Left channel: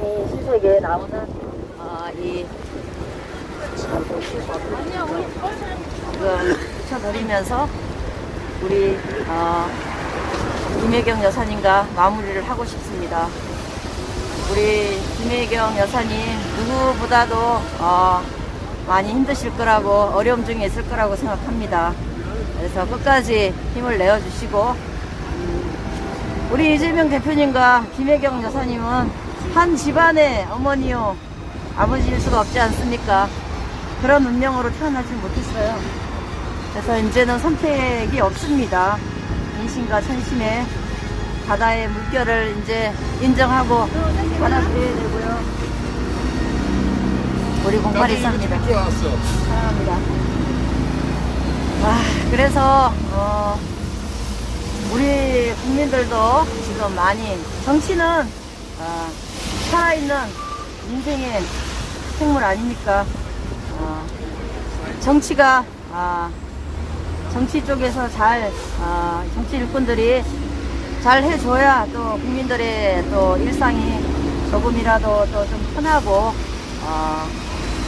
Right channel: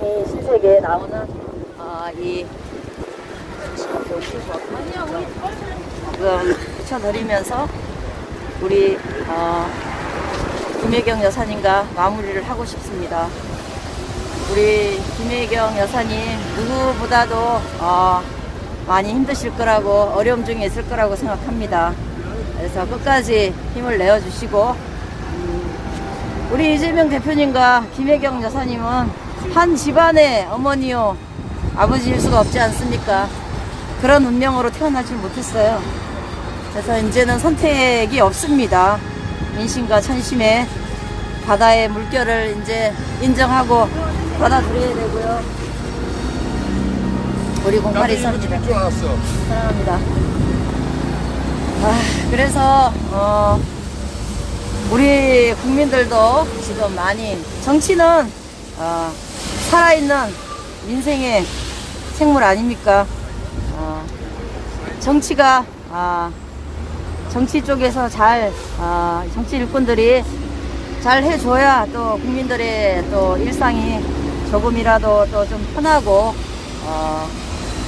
이 신세계에 나오는 이 붙여드리면서 우리 김혜경 여사님과 마무리를 하고 싶습니다. 우리 김혜경 여사님 누구보다도 많이 힘드실 거라고, 어려움 중에 있을 거라고 생각합니다. 그래서 끝까지 힘을 내어주시고, 우리 이재명 대표님과 김혜경 여사님은 한 집안의 어머니요 아버지일 수가 없지 않습니까? 그런 운명으로 태어나지 못했어요. 그래서 이제는 선택이 없습니다. 민심과 천심의 바다의 물결을 이제 인정하고 받아들여야 되고요. 우리 0823입니다. 사랑합니다. 그래서 우리 국민들도 지금 많이, 정치는 살아있는 민생의 생물 아닙니까? 정치가 정치 쪽에서 잘 정치 일꾼들이 잘 해줘야 또 국민들의 또 일상이 조금이라도 또 좀 편하고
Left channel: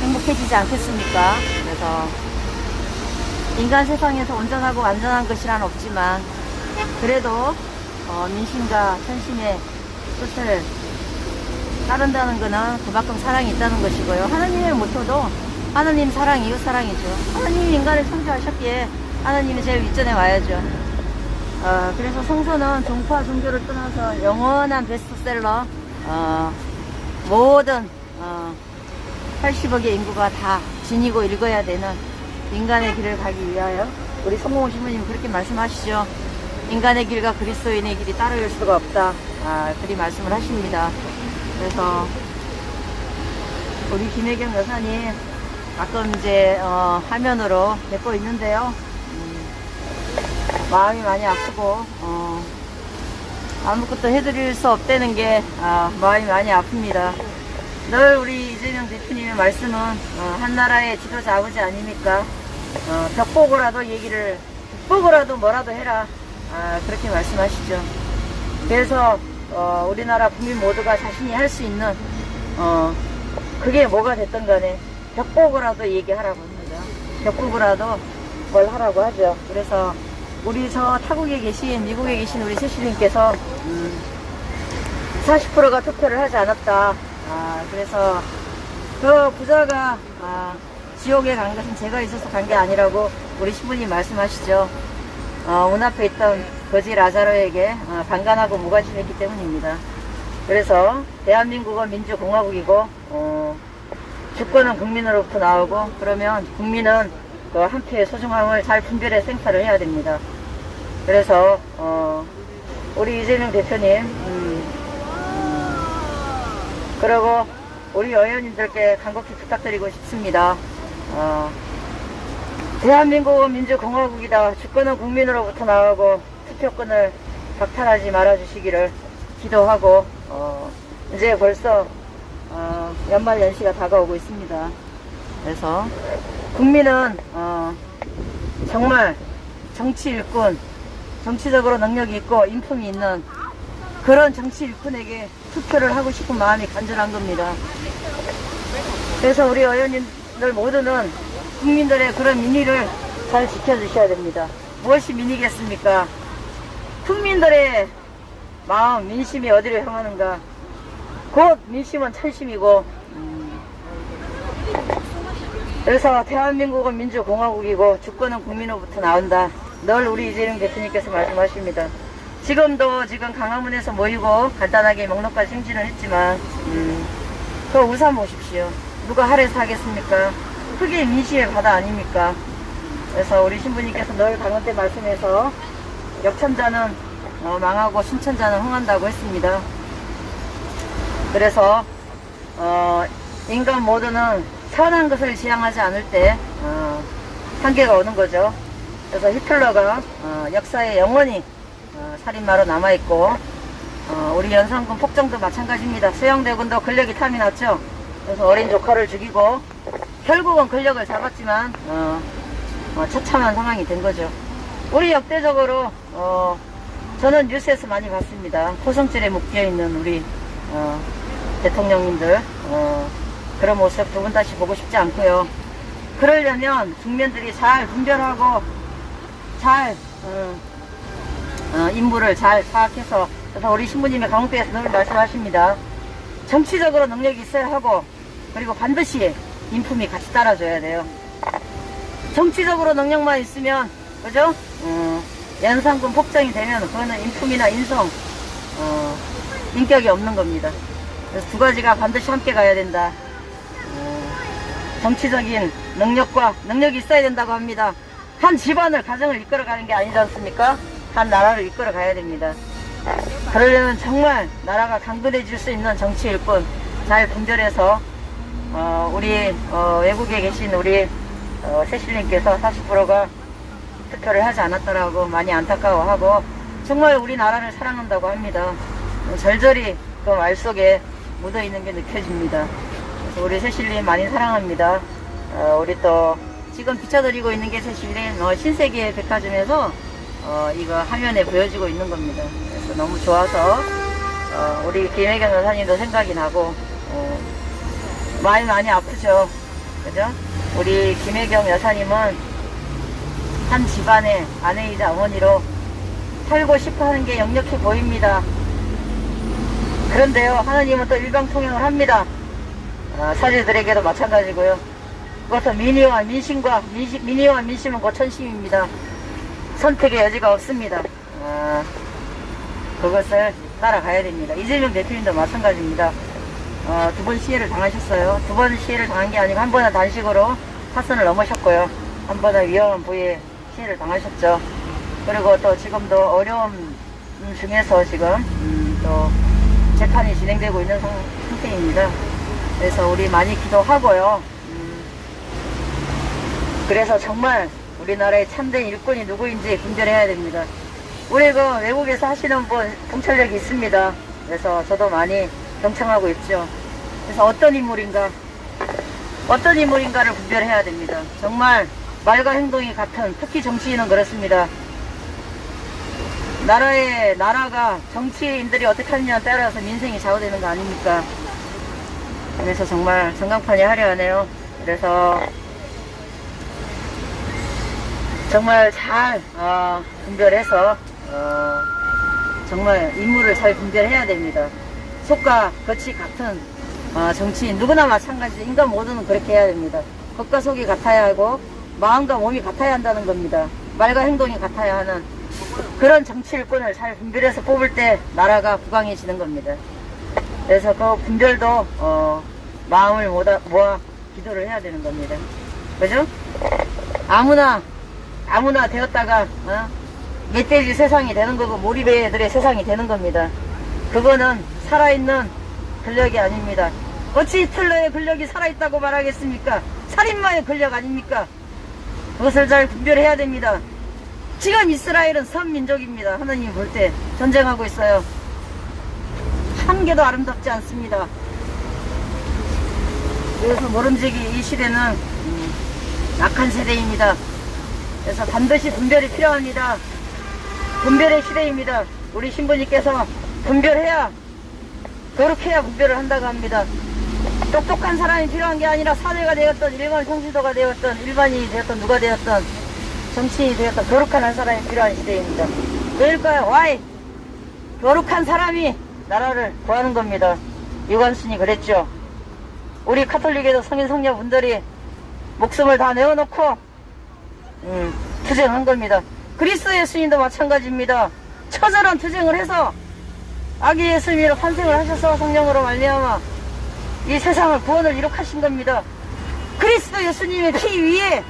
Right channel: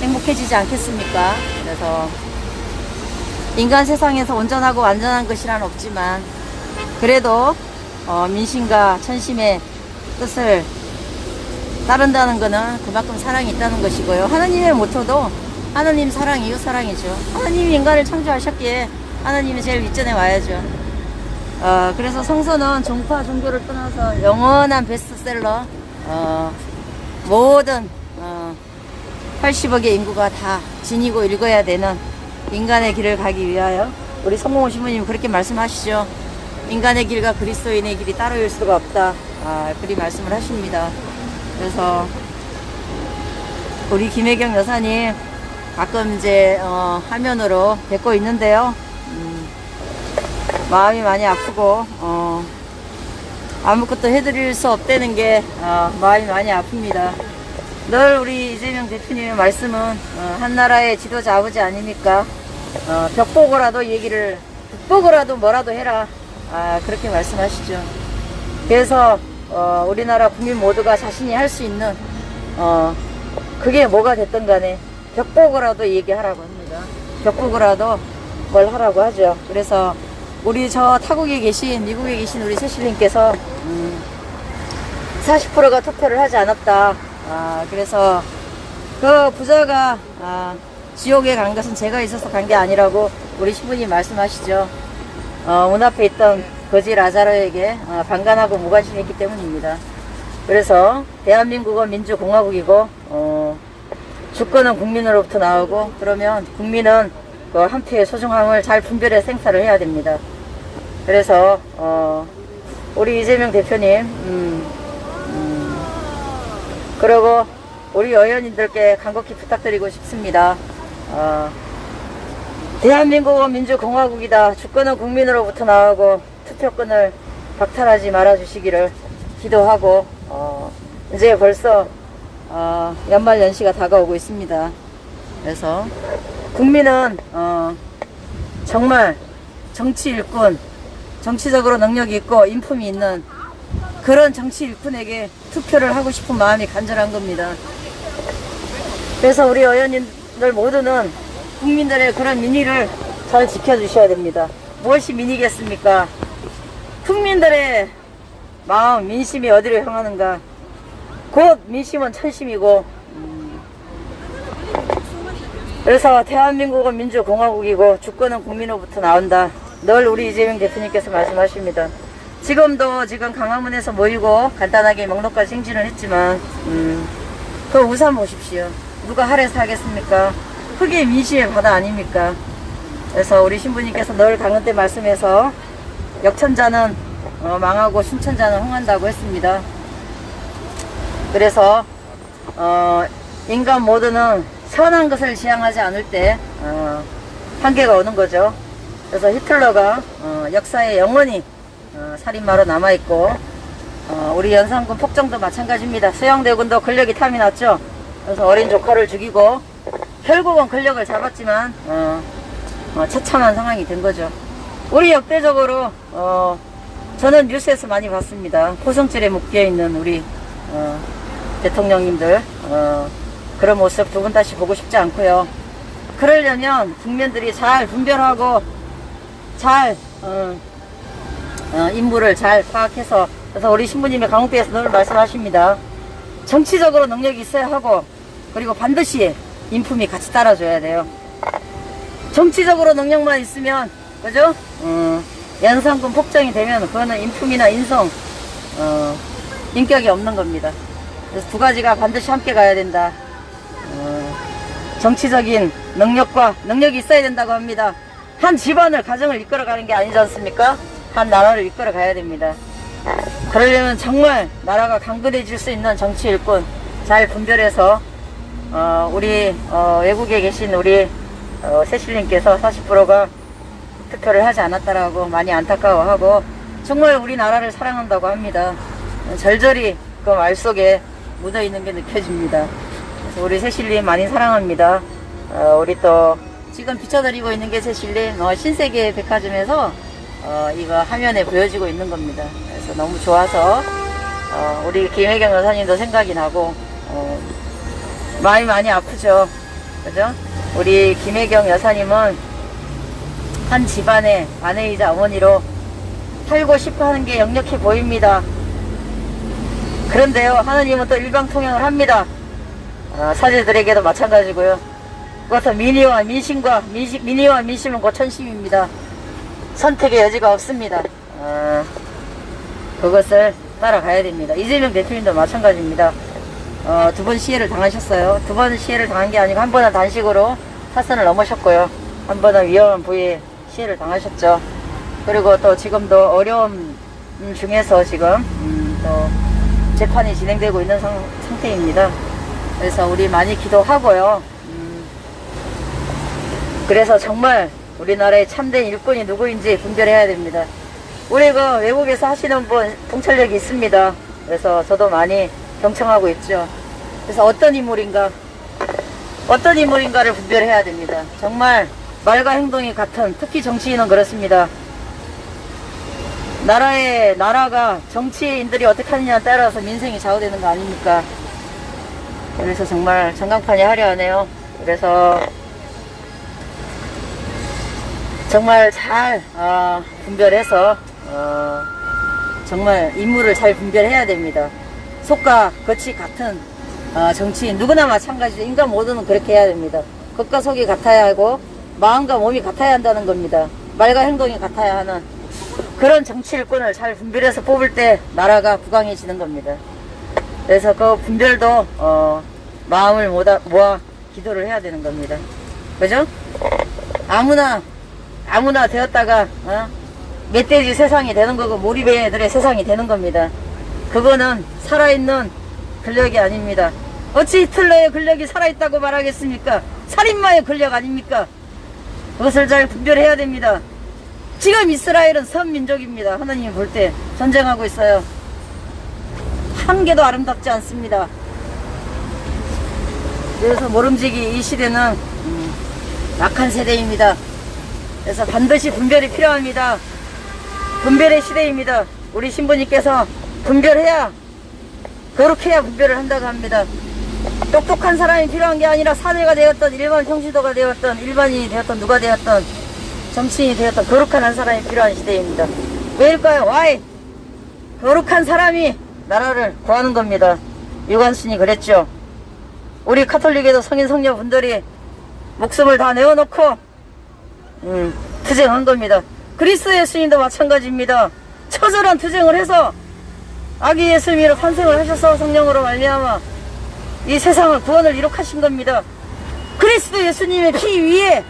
행복해지지 않겠습니까? 그래서 인간 세상에서 온전하고 완전한 것이란 없지만 그래도 민심과 천심의 뜻을 따른다는 거는 그만큼 사랑이 있다는 것이고요. 하나님의 모토도 하나님 사랑, 이웃 사랑이죠. 하나님이 인간을 창조하셨기에 하나님이 제일 윗전에 와야죠. 그래서 성서는 종파 종교를 떠나서 영원한 베스트셀러, 모든 80억의 인구가 다 지니고 읽어야 되는 인간의 길을 가기 위하여 우리 성공호 신부님 그렇게 말씀하시죠. 인간의 길과 그리스도인의 길이 따로일 수가 없다. 그리 말씀을 하십니다. 그래서 우리 김혜경 여사님 가끔 이제 화면으로 뵙고 있는데요. 마음이 많이 아프고 아무것도 해드릴 수 없다는 게 마음이 많이 아픕니다. 늘 우리 이재명 대표님의 말씀은 한나라의 지도자 아버지 아닙니까? 벽 보고라도 북 보고라도 뭐라도 해라, 그렇게 말씀하시죠. 그래서 우리나라 국민 모두가 자신이 할 수 있는 그게 뭐가 됐든 간에 벽 보고라도 얘기하라고 합니다. 벽 보고라도 뭘 하라고 하죠. 그래서 우리 저 타국에 계신, 미국에 계신 우리 세실님께서 40%가 투표를 하지 않았다. 그래서 그 부자가 지옥에 간 것은 제가 있어서 간 게 아니라고 우리 신부님 말씀하시죠. 문 앞에 있던 거지 라자로에게 방관하고 무관심했기 때문입니다. 그래서 대한민국은 민주공화국이고 주권은 국민으로부터 나오고, 그러면 국민은 그 한 표의 소중함을 잘 분별해 생사를 해야 됩니다. 그래서 우리 이재명 대표님, 그리고 우리 의원님들께 간곡히 부탁드리고 싶습니다. 대한민국은 민주공화국이다. 주권은 국민으로부터 나오고 투표권을 박탈하지 말아주시기를 기도하고, 이제 벌써 연말연시가 다가오고 있습니다. 그래서 국민은 정말 정치 일꾼, 정치적으로 능력이 있고 인품이 있는 그런 정치 일꾼에게 투표를 하고 싶은 마음이 간절한 겁니다. 그래서 우리 의원님들 모두는 국민들의 그런 민의를 잘 지켜주셔야 됩니다. 무엇이 민의겠습니까? 국민들의 마음, 민심이 어디로 향하는가? 곧 민심은 천심이고, 그래서 대한민국은 민주공화국이고 주권은 국민으로부터 나온다. 늘 우리 이재명 대표님께서 말씀하십니다. 지금도 지금 강화문에서 모이고 간단하게 명록과 행진을 했지만 그 우산 보십시오. 누가 할애서 하겠습니까? 흙이 민심의 바다 아닙니까? 그래서 우리 신부님께서 늘 강원 때 말씀해서 역천자는 망하고 순천자는 흥한다고 했습니다. 그래서 인간 모두는 선한 것을 지향하지 않을 때 한계가 오는 거죠. 그래서 히틀러가 역사에 영원히 살인마로 남아있고, 우리 연산군 폭정도 마찬가지입니다. 수영대군도 권력이 탐이 났죠. 그래서 어린 조카를 죽이고 결국은 권력을 잡았지만 처참한 상황이 된 거죠. 우리 역대적으로 저는 뉴스에서 많이 봤습니다. 고성질에 묶여있는 우리 대통령님들 그런 모습 두 분 다시 보고 싶지 않고요. 그러려면 국민들이 잘 분별하고 잘 인물을 잘 파악해서, 그래서 우리 신부님이 강원도에서 늘 말씀하십니다. 정치적으로 능력이 있어야 하고, 그리고 반드시 인품이 같이 따라줘야 돼요. 정치적으로 능력만 있으면, 그죠? 연상금 폭정이 되면 그거는 인품이나 인성, 인격이 없는 겁니다. 그래서 두 가지가 반드시 함께 가야 된다. 정치적인 능력이 있어야 된다고 합니다. 한 집안을, 가정을 이끌어가는 게 아니지 않습니까? 한 나라를 이끌어가야 됩니다. 그러려면 정말 나라가 강건해질 수 있는 정치 일꾼 잘 분별해서 우리 외국에 계신 우리 세실님께서 40%가 투표를 하지 않았다라고 많이 안타까워하고, 정말 우리나라를 사랑한다고 합니다. 절절히 그 말 속에 묻어있는 게 느껴집니다. 그래서 우리 세실님 많이 사랑합니다. 우리 또 지금 비춰드리고 있는 게 세실님 신세계 백화점에서 이거 화면에 보여지고 있는 겁니다. 그래서 너무 좋아서 우리 김혜경 여사님도 생각이 나고 마음이 많이 아프죠. 그죠? 우리 김혜경 여사님은 한 집안의 아내이자 어머니로 살고 싶어 하는 게 역력해 보입니다. 그런데요, 하나님은 또 일방통행을 합니다. 사제들에게도 마찬가지고요. 그것은 민의와 민심은 곧 천심입니다. 선택의 여지가 없습니다. 그것을 따라가야 됩니다. 이재명 대표님도 마찬가지입니다. 두 번 시해를 당하셨어요. 두 번 시해를 당한 게 아니고 한 번은 단식으로 사선을 넘으셨고요. 한 번은 위험한 부위에 시해를 당하셨죠. 그리고 또 지금도 어려움 중에서 지금 또 재판이 진행되고 있는 상태입니다. 그래서 우리 많이 기도하고요. 그래서 정말 우리나라의 참된 일꾼이 누구인지 분별해야 됩니다. 우리 그 외국에서 하시는 분 통찰력이 있습니다. 그래서 저도 많이 경청하고 있죠. 그래서 어떤 인물인가를 분별해야 됩니다. 정말 말과 행동이 같은, 특히 정치인은 그렇습니다. 나라가 정치인들이 어떻게 하느냐에 따라서 민생이 좌우되는 거 아닙니까? 그래서 정말 전광판이 화려하네요. 그래서 정말 잘 분별해서 정말 인물을 잘 분별해야 됩니다. 속과 겉이 같은 정치인 누구나 마찬가지죠. 인간 모두는 그렇게 해야 됩니다. 겉과 속이 같아야 하고 마음과 몸이 같아야 한다는 겁니다. 말과 행동이 같아야 하는 그런 정치 일꾼을 잘 분별해서 뽑을 때 나라가 부강해지는 겁니다. 그래서 그 분별도 마음을 모아 기도를 해야 되는 겁니다. 그죠? 아무나 되었다가 멧돼지 세상이 되는 거고 몰입애들의 세상이 되는 겁니다. 그거는 살아있는 권력이 아닙니다. 어찌 히틀러의 권력이 살아있다고 말하겠습니까? 살인마의 권력 아닙니까? 그것을 잘 분별해야 됩니다. 지금 이스라엘은 선민족입니다. 하나님이 볼 때 전쟁하고 있어요. 한 개도 아름답지 않습니다. 그래서 모름지기 이 시대는 약한 세대입니다. 그래서 반드시 분별이 필요합니다. 분별의 시대입니다. 우리 신부님께서 분별해야, 거룩해야 분별을 한다고 합니다. 똑똑한 사람이 필요한 게 아니라 사내가 되었던, 일반 평시도가 되었던, 일반인이 되었던, 누가 되었던, 정치인이 되었던 거룩한 한 사람이 필요한 시대입니다. 왜일까요? Why? 거룩한 사람이 나라를 구하는 겁니다. 유관순이 그랬죠. 우리 카톨릭에도 성인 성녀분들이 목숨을 다 내어놓고 투쟁한 겁니다. 그리스도 예수님도 마찬가지입니다. 처절한 투쟁을 해서 아기 예수님으로 환생을 하셔서 성령으로 말미암아 이 세상을 구원을 이룩하신 겁니다. 그리스도 예수님의 피 위에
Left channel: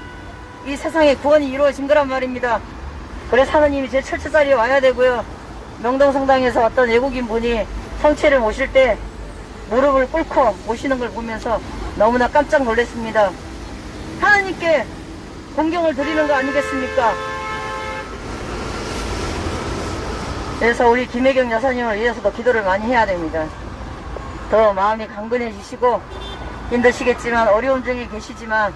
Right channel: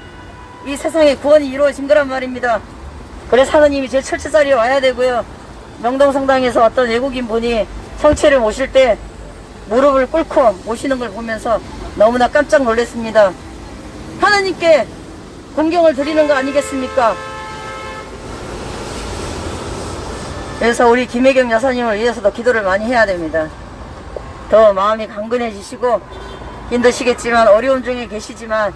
이 세상의 구원이 이루어진 거란 말입니다. 그래서 하느님이 제 철제자리에 와야 되고요. 명동성당에서 어떤 외국인 분이 성체를 모실 때 무릎을 꿇고 모시는 걸 보면서 너무나 깜짝 놀랐습니다. 하느님께 공경을 드리는 거 아니겠습니까? 그래서 우리 김혜경 여사님을 위해서도 기도를 많이 해야 됩니다. 더 마음이 강건해지시고 힘드시겠지만, 어려움 중에 계시지만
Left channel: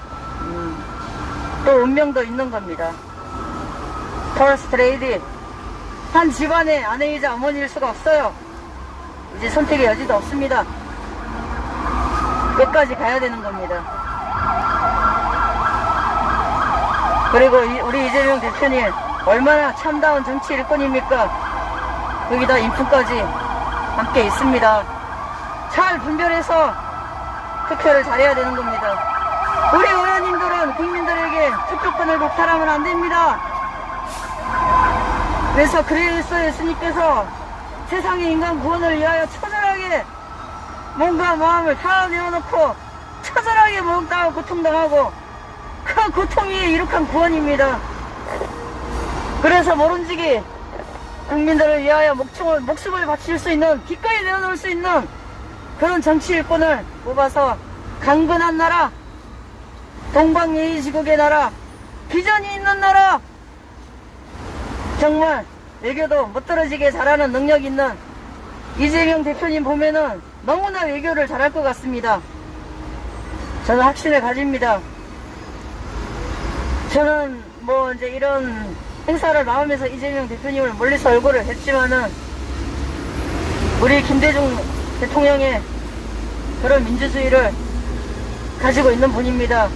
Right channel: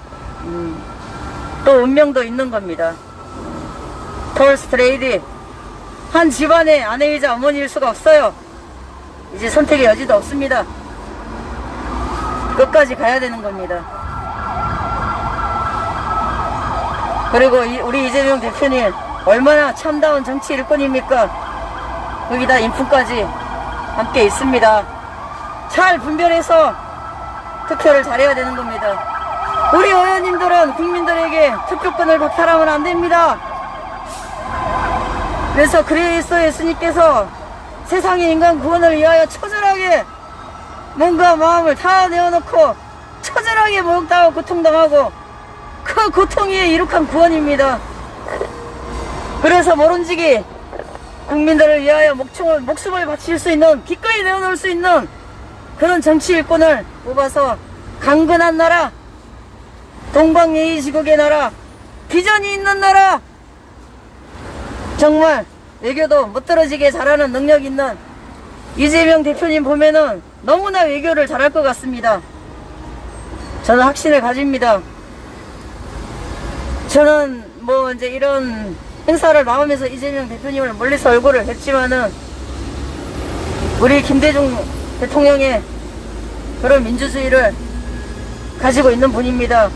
또 운명도 있는 겁니다. 퍼스트 레이디, 한 집안의 아내이자 어머니일 수가 없어요. 이제 선택의 여지도 없습니다. 끝까지 가야 되는 겁니다. 그리고 우리 이재명 대표님 얼마나 참다운 정치 일꾼입니까? 여기다 인품까지 함께 있습니다. 잘 분별해서 투표를 잘해야 되는 겁니다. 우리 의원님들은 국민들에게 투표권을 박탈하면 안 됩니다. 그래서 그리스도 예수님께서 세상의 인간 구원을 위하여 처절하게 몸과 마음을 다 내어놓고 처절하게 모욕당하고 고통당하고 그 고통 위에 이룩한 구원입니다. 그래서 모른지기 국민들을 위하여 목숨을 바칠 수 있는, 기꺼이 내어놓을 수 있는 그런 정치 일꾼을 뽑아서 강건한 나라, 동방예의지국의 나라, 비전이 있는 나라, 정말 외교도 못떨어지게 잘하는 능력 있는 이재명 대표님 보면은 너무나 외교를 잘할 것 같습니다. 저는 확신을 가집니다. 저는 뭐 이제 이런 행사를 나오면서 이재명 대표님을 멀리서 얼굴을 뵀지만은 우리 김대중 대통령의 그런 민주주의를 가지고 있는 분입니다.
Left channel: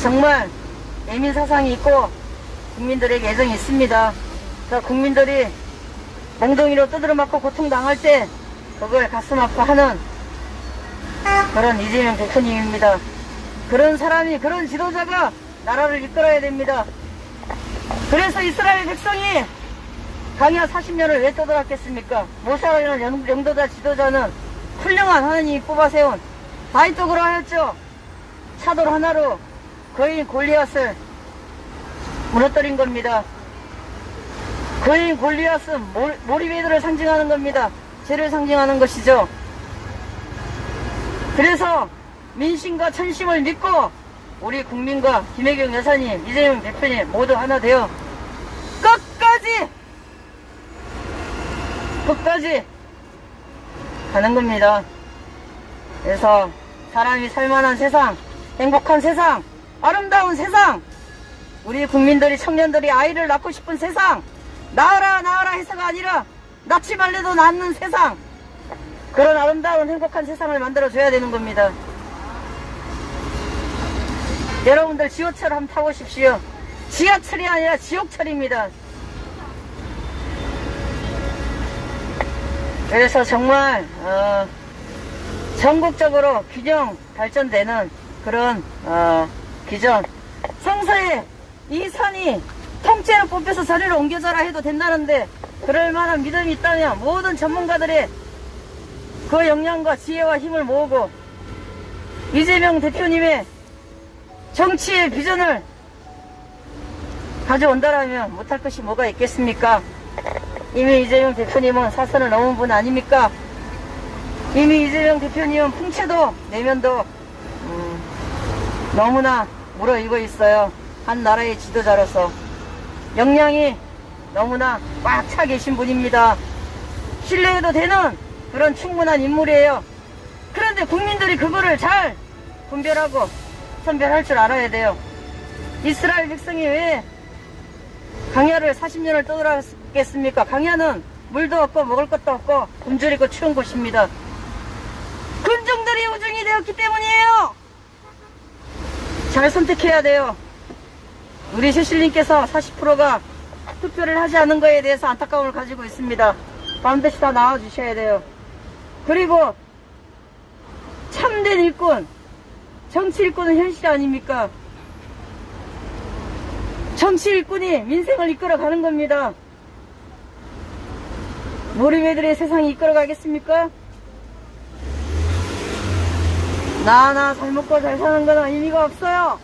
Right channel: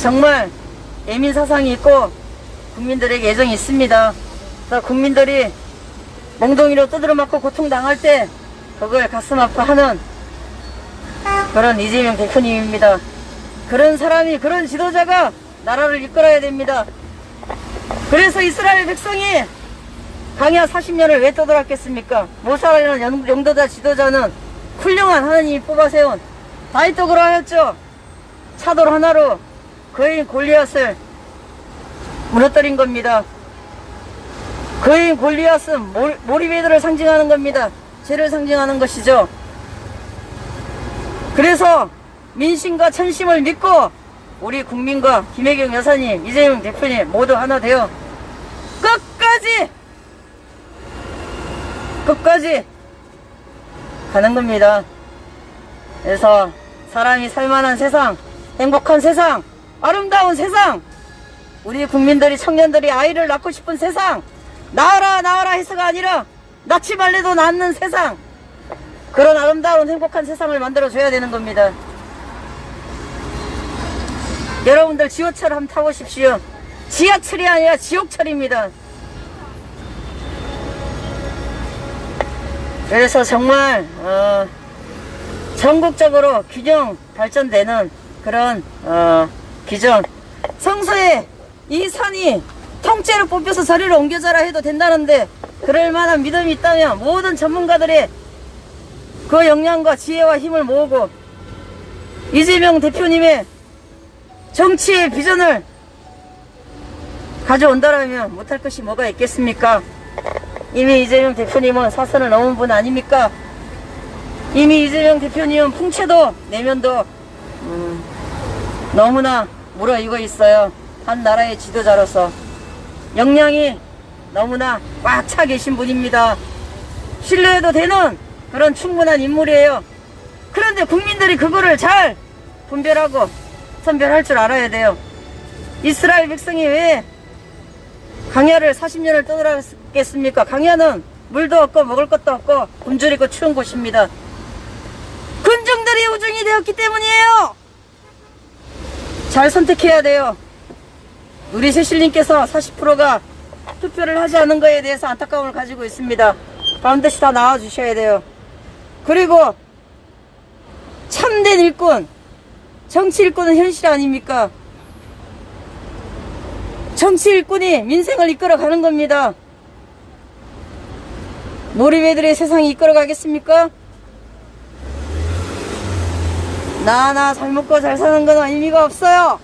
정말 예민 사상이 있고 국민들에게 애정이 있습니다. 국민들이 몽둥이로 두드려 맞고 고통당할 때 그걸 가슴 아파하는 그런 이재명 대표님입니다. 그런 사람이, 그런 지도자가 나라를 이끌어야 됩니다. 그래서 이스라엘 백성이 광야 40년을 왜 떠돌았겠습니까? 모세라는 영도자 지도자는 훌륭한 하나님이 뽑아세운 다윗도 그러하였죠. 차돌 하나로 거인 골리앗을 무너뜨린 겁니다. 거인 골리앗은 모리베드를 상징하는 겁니다. 죄를 상징하는 것이죠. 그래서 민심과 천심을 믿고 우리 국민과 김혜경 여사님, 이재명 대표님 모두 하나 되어 끝까지 가는 겁니다. 그래서 사람이 살만한 세상, 행복한 세상, 아름다운 세상, 우리 국민들이, 청년들이 아이를 낳고 싶은 세상, 낳아라 해서가 아니라 낳지 말래도 낳는 세상, 그런 아름다운 행복한 세상을 만들어줘야 되는 겁니다. 여러분들 지하철 한번 타보십시오. 지하철이 아니라 지옥철입니다. 그래서 정말 전국적으로 균형 발전되는 그런 비전, 성서에 이 산이 통째로 뽑혀서 저리를 옮겨져라 해도 된다는데 그럴 만한 믿음이 있다면 모든 전문가들의 그 역량과 지혜와 힘을 모으고 이재명 대표님의 정치의 비전을 가져온다라면 못할 것이 뭐가 있겠습니까? 이미 이재명 대표님은 사선을 넘은 분 아닙니까? 이미 이재명 대표님은 풍채도 내면도 너무나 무르익어 있어요. 한 나라의 지도자로서 역량이 너무나 꽉 차 계신 분입니다. 신뢰해도 되는 그런 충분한 인물이에요. 그런데 국민들이 그거를 잘 분별하고 선별할 줄 알아야 돼요. 이스라엘 백성이 왜 광야를 40년을 떠돌았겠습니까? 광야는 물도 없고 먹을 것도 없고 굶주리고 추운 곳입니다. 군중들이 우중이 되었기 때문이에요. 잘 선택해야 돼요. 우리 세실님께서 40%가 투표를 하지 않은 거에 대해서 안타까움을 가지고 있습니다. 반드시 다 나와주셔야 돼요. 그리고 참된 일꾼, 정치 일꾼은 현실 아닙니까? 정치 일꾼이 민생을 이끌어가는 겁니다. 모리베들의 세상이 이끌어가겠습니까? 나 잘 먹고 잘 사는 건 의미가 없어요.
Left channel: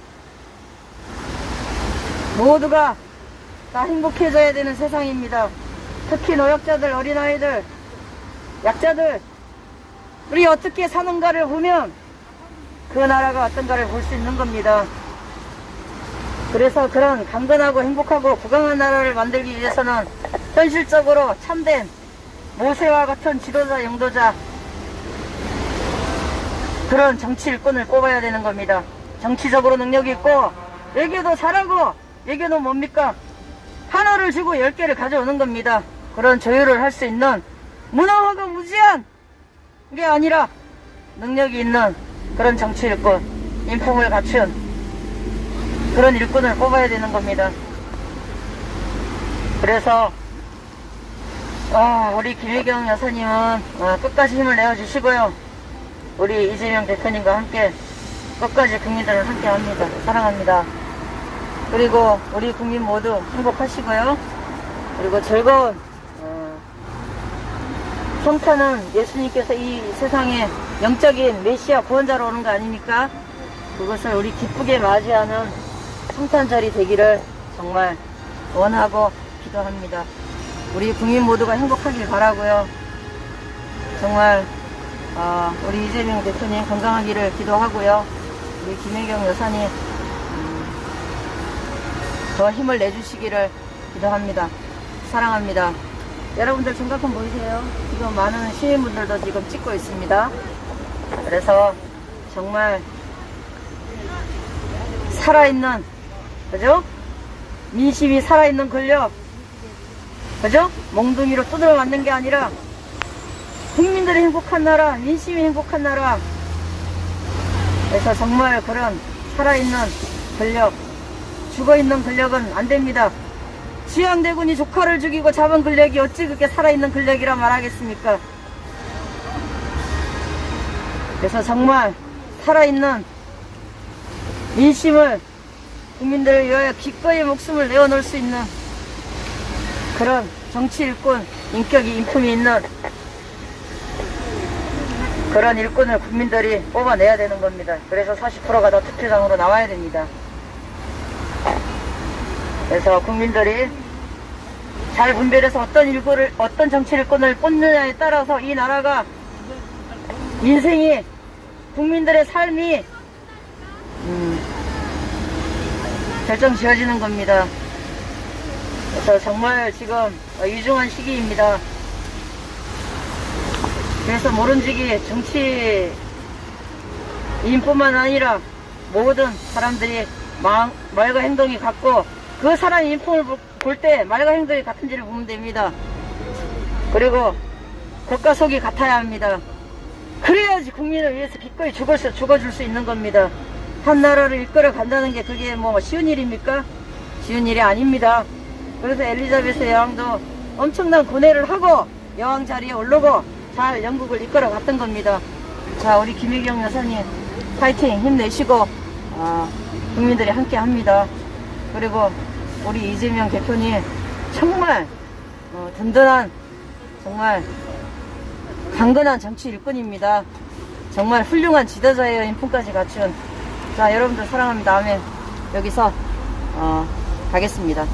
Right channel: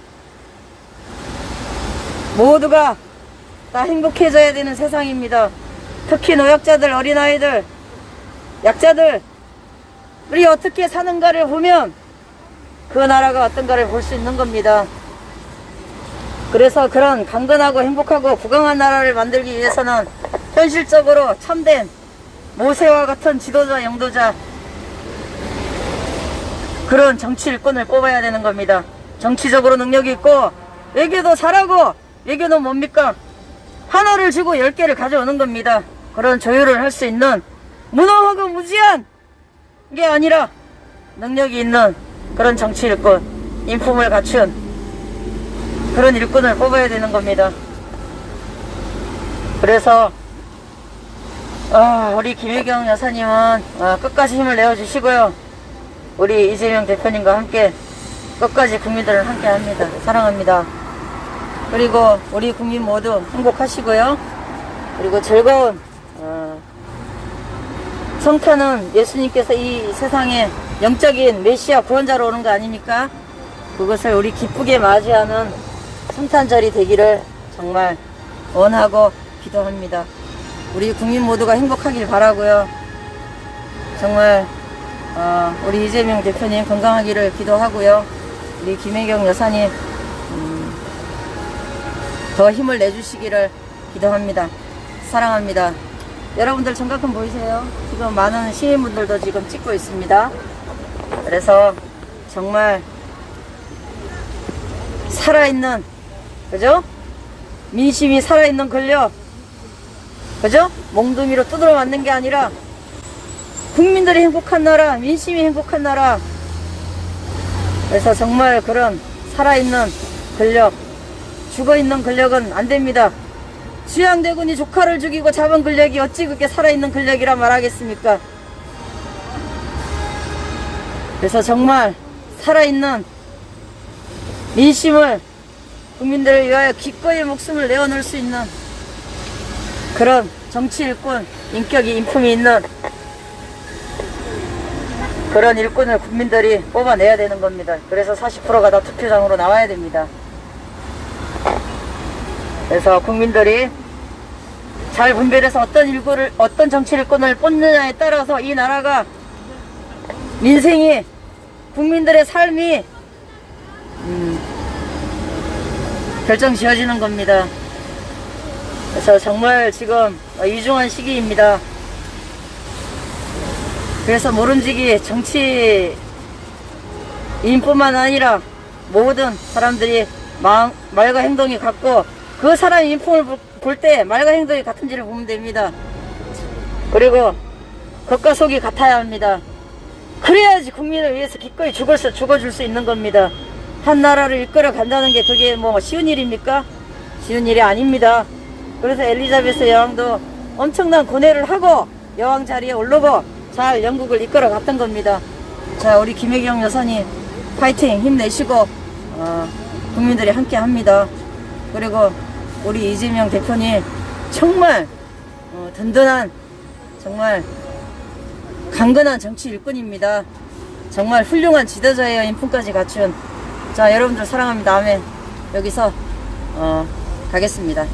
모두가 다 행복해져야 되는 세상입니다. 특히 노약자들, 어린아이들, 약자들, 우리 어떻게 사는가를 보면 그 나라가 어떤가를 볼 수 있는 겁니다. 그래서 그런 강건하고 행복하고 부강한 나라를 만들기 위해서는 현실적으로 참된 모세와 같은 지도자, 영도자, 그런 정치 일꾼을 뽑아야 되는 겁니다. 정치적으로 능력이 있고 외교도 잘하고, 외교는 뭡니까? 하나를 주고 10개를 가져오는 겁니다. 그런 조율을 할 수 있는 무능하고 무지한 게 아니라 능력이 있는 그런 정치 일꾼, 인품을 갖춘 그런 일꾼을 뽑아야 되는 겁니다. 그래서 우리 김혜경 여사님은 끝까지 힘을 내어주시고요. 우리 이재명 대표님과 함께 끝까지 국민들을 함께 합니다. 사랑합니다. 그리고 우리 국민 모두 행복하시고요. 그리고 즐거운 성탄은 예수님께서 이 세상에 영적인 메시아 구원자로 오는 거 아닙니까? 그것을 우리 기쁘게 맞이하는 성탄절이 되기를 정말 원하고 기도합니다. 우리 국민 모두가 행복하길 바라고요. 정말 우리 이재명 대표님 건강하기를 기도하고요. 우리 김혜경 여사님 더 힘을 내주시기를 기도합니다. 사랑합니다. 여러분들 정각은 보이세요? 지금 많은 시민분들도 지금 찍고 있습니다. 그래서 정말 살아있는, 그죠? 민심이 살아있는 권력, 그죠? 몽둥이로 두드려 맞는 게 아니라 국민들이 행복한 나라, 민심이 행복한 나라. 그래서 정말 그런 살아있는 권력, 죽어있는 권력은 안 됩니다. 수양대군이 조카를 죽이고 잡은 권력이 어찌 그렇게 살아있는 권력이라 말하겠습니까? 그래서 정말 살아있는 민심을 국민들을 위하여 기꺼이 목숨을 내어놓을 수 있는 그런 정치 일꾼, 인격이 인품이 있는 그런 일꾼을 국민들이 뽑아내야 되는 겁니다. 그래서 40%가 다 투표장으로 나와야 됩니다. 그래서 국민들이 잘 분별해서 어떤 정치 일꾼을 뽑느냐에 따라서 이 나라가 민생이, 국민들의 삶이 결정 지어지는 겁니다. 그래서 정말 지금 위중한 시기입니다. 그래서 모름지기 정치인뿐만 아니라 모든 사람들이 말과 행동이 같고 그 사람 인품을 볼 때 말과 행동이 같은지를 보면 됩니다. 그리고 겉과 속이 같아야 합니다. 그래야지 국민을 위해서 기꺼이 죽어줄 수 있는 겁니다. 한 나라를 이끌어 간다는 게 그게 뭐 쉬운 일입니까? 쉬운 일이 아닙니다. 그래서 엘리자베스 여왕도 엄청난 고뇌를 하고 여왕 자리에 오르고 잘 영국을 이끌어 갔던 겁니다. 자, 우리 김혜경 여사님 파이팅 힘내시고 국민들이 함께 합니다. 그리고 우리 이재명 대표님 정말 든든한, 정말 강건한 정치 일꾼입니다. 정말 훌륭한 지도자예요. 인품까지 갖춘. 자, 여러분들 사랑합니다. 다음에 여기서 가겠습니다.